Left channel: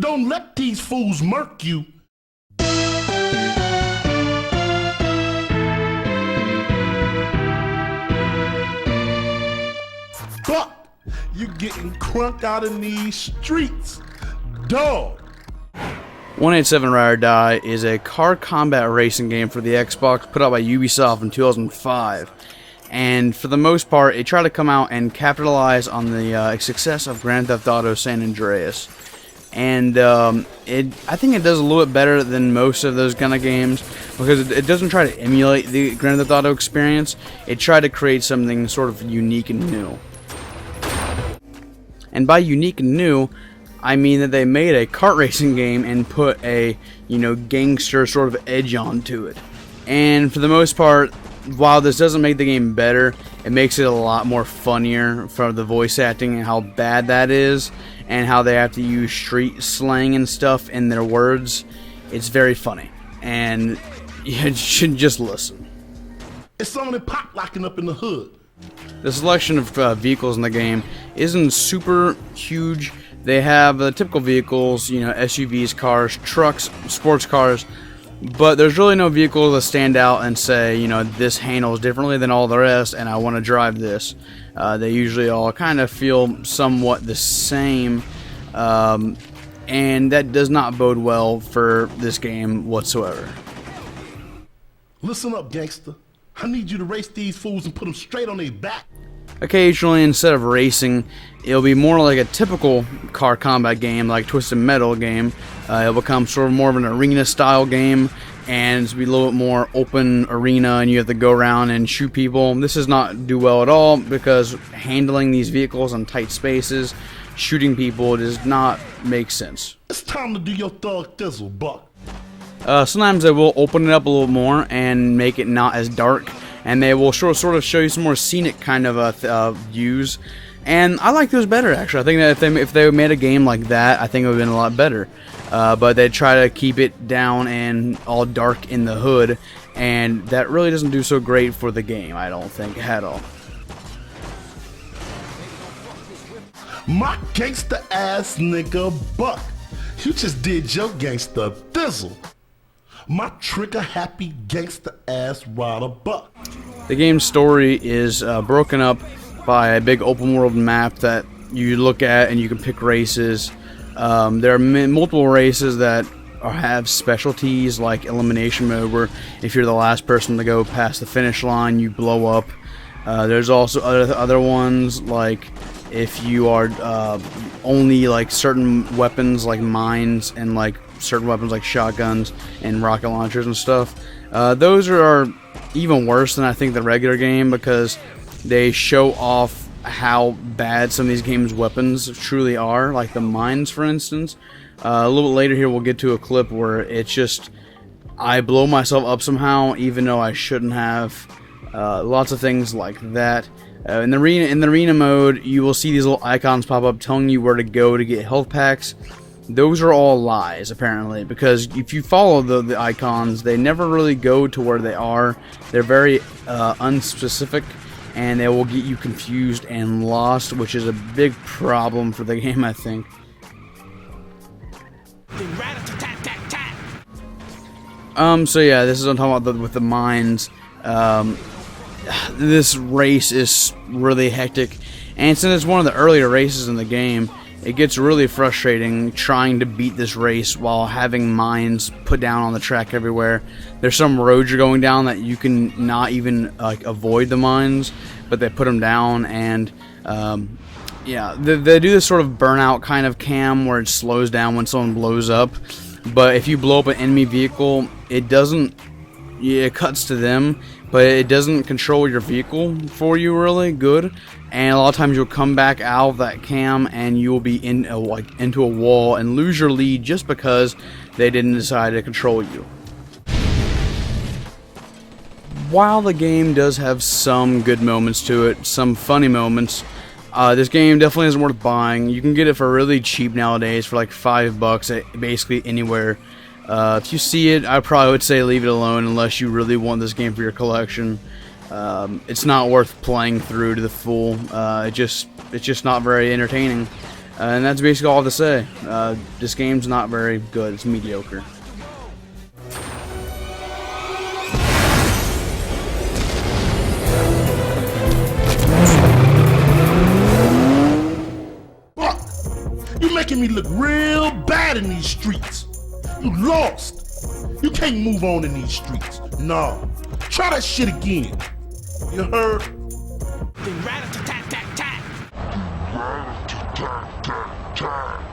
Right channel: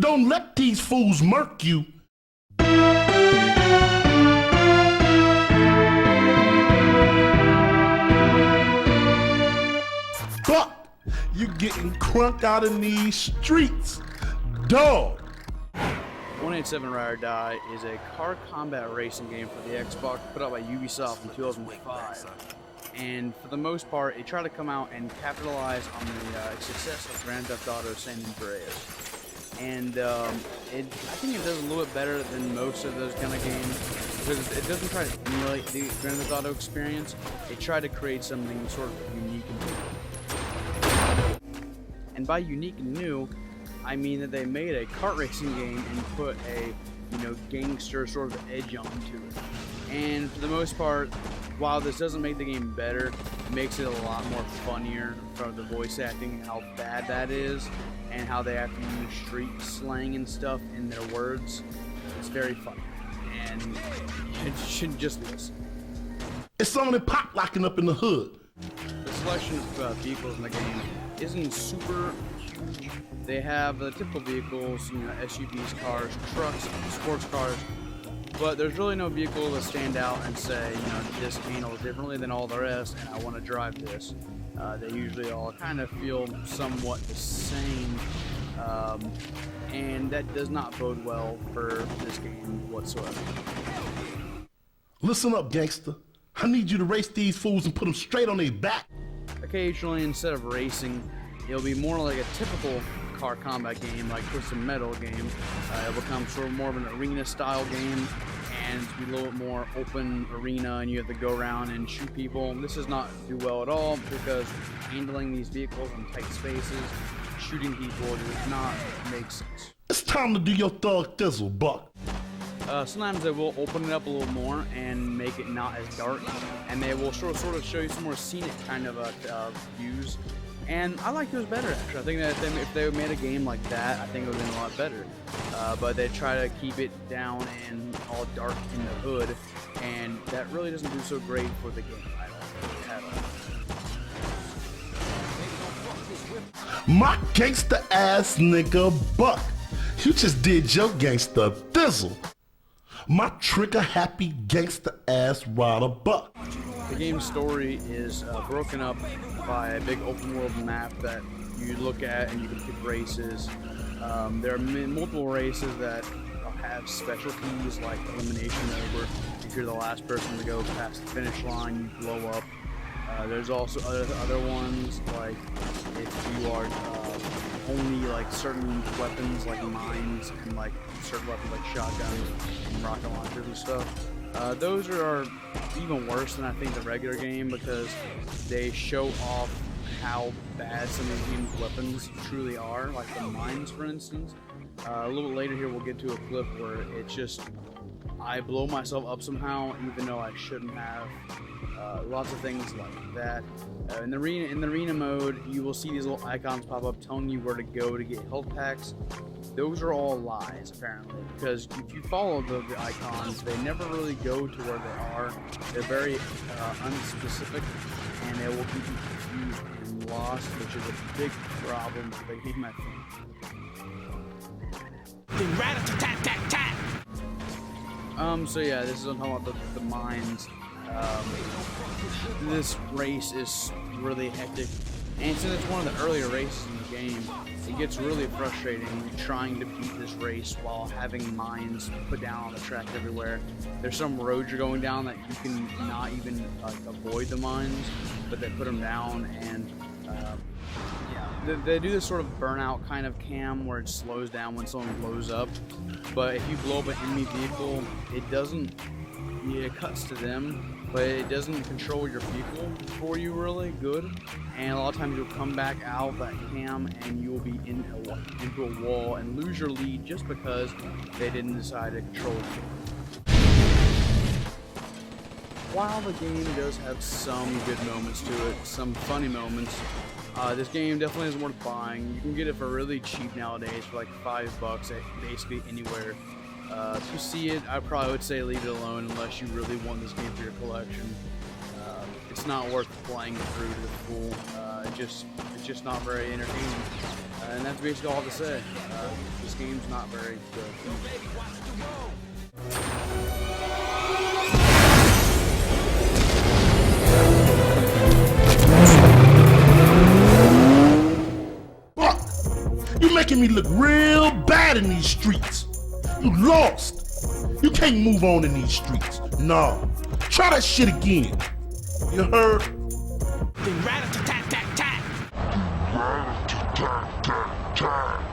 Don't let these fools murk you. Buck, you getting crunk out in these streets. Dog. 187 Ride or Die is a car combat racing game for the Xbox put out by Ubisoft in 2005. And for the most part, it tried to come out and capitalize on the success of Grand Theft Auto San Andreas. And I think it does a little bit better than most of those kind of games because it doesn't try to emulate the Grand Theft Auto experience. It tried to create something sort of unique and new. And by unique and new, I mean that they made a kart racing game and put a, gangster sort of edge onto it. And for the most part, while this doesn't make the game better, it makes it a lot more funnier for the voice acting and how bad that is, and how they have to use street slang and stuff in their words. It's very funny, and you should just listen. It's something pop locking up in the hood. The selection of vehicles in the game isn't super huge. They have the typical vehicles, SUVs, cars, trucks, sports cars, but there's really no vehicle that stand out and say, this handles differently than all the rest and I want to drive this. They usually all kind of feel somewhat the same, and that does not bode well for this game whatsoever. Listen up, gangster. I need you to race these fools and put them straight on their back. Occasionally, instead of racing, it'll be more like a typical car combat game, like Twisted Metal game. It'll become sort of more of an arena-style game, and it's be a little bit more open arena, and you have to go around and shoot people. This does not do well at all because handling these vehicles in tight spaces, shooting people, does not make sense. It's time to do your thug thizzle, Buck. Sometimes they will open it up a little more and make it not as dark, and they will sort of show you some more scenic kind of views. And I like those better, actually. I think that if they made a game like that, I think it would have been a lot better. But they try to keep it down and all dark in the hood, and that really doesn't do so great for the game, I don't think, at all. My gangsta ass nigga Buck, you just did your gangsta thizzle. My trigger happy gangsta ass rider Buck. The game's story is broken up by a big open world map that you look at and you can pick races. There are multiple races that have specialties like elimination mode, where if you're the last person to go past the finish line, you blow up. There's also other ones like if you are only like certain weapons like mines and like certain weapons like shotguns and rocket launchers and stuff. Those are even worse than I think the regular game because they show off how bad some of these games' weapons truly are, like the mines, for instance. A little bit later here, we'll get to a clip where it's just I blow myself up somehow, even though I shouldn't have. Lots of things like that. In the arena mode, you will see these little icons pop up telling you where to go to get health packs. Those are all lies, apparently, because if you follow the icons, they never really go to where they are. They're very unspecific, and they will get you confused and lost, which is a big problem for the game, I think. So yeah, this is what I'm talking about with the mines. This race is really hectic, and since it's one of the earlier races in the game, it gets really frustrating trying to beat this race while having mines put down on the track everywhere. There's some roads you're going down that you can not even avoid the mines, but they put them down, and yeah, they do this sort of burnout kind of cam where it slows down when someone blows up. But if you blow up an enemy vehicle, it doesn't. Yeah, it cuts to them, but it doesn't control your vehicle for you really good. And a lot of times you'll come back out of that cam and you will be in into a wall and lose your lead just because they didn't decide to control you. While the game does have some good moments to it, some funny moments, this game definitely isn't worth buying. You can get it for really cheap nowadays for like $5 at basically anywhere. If you see it, I probably would say leave it alone unless you really want this game for your collection. It's not worth playing through to the full. It's just not very entertaining. And that's basically all to say. This game's not very good. It's mediocre. Buck, you making me look real bad in these streets. You lost. You can't move on in these streets. No. Try that shit again. You heard? Rat-a-tat-tat-tat. Rat-a-tat-tat-tat.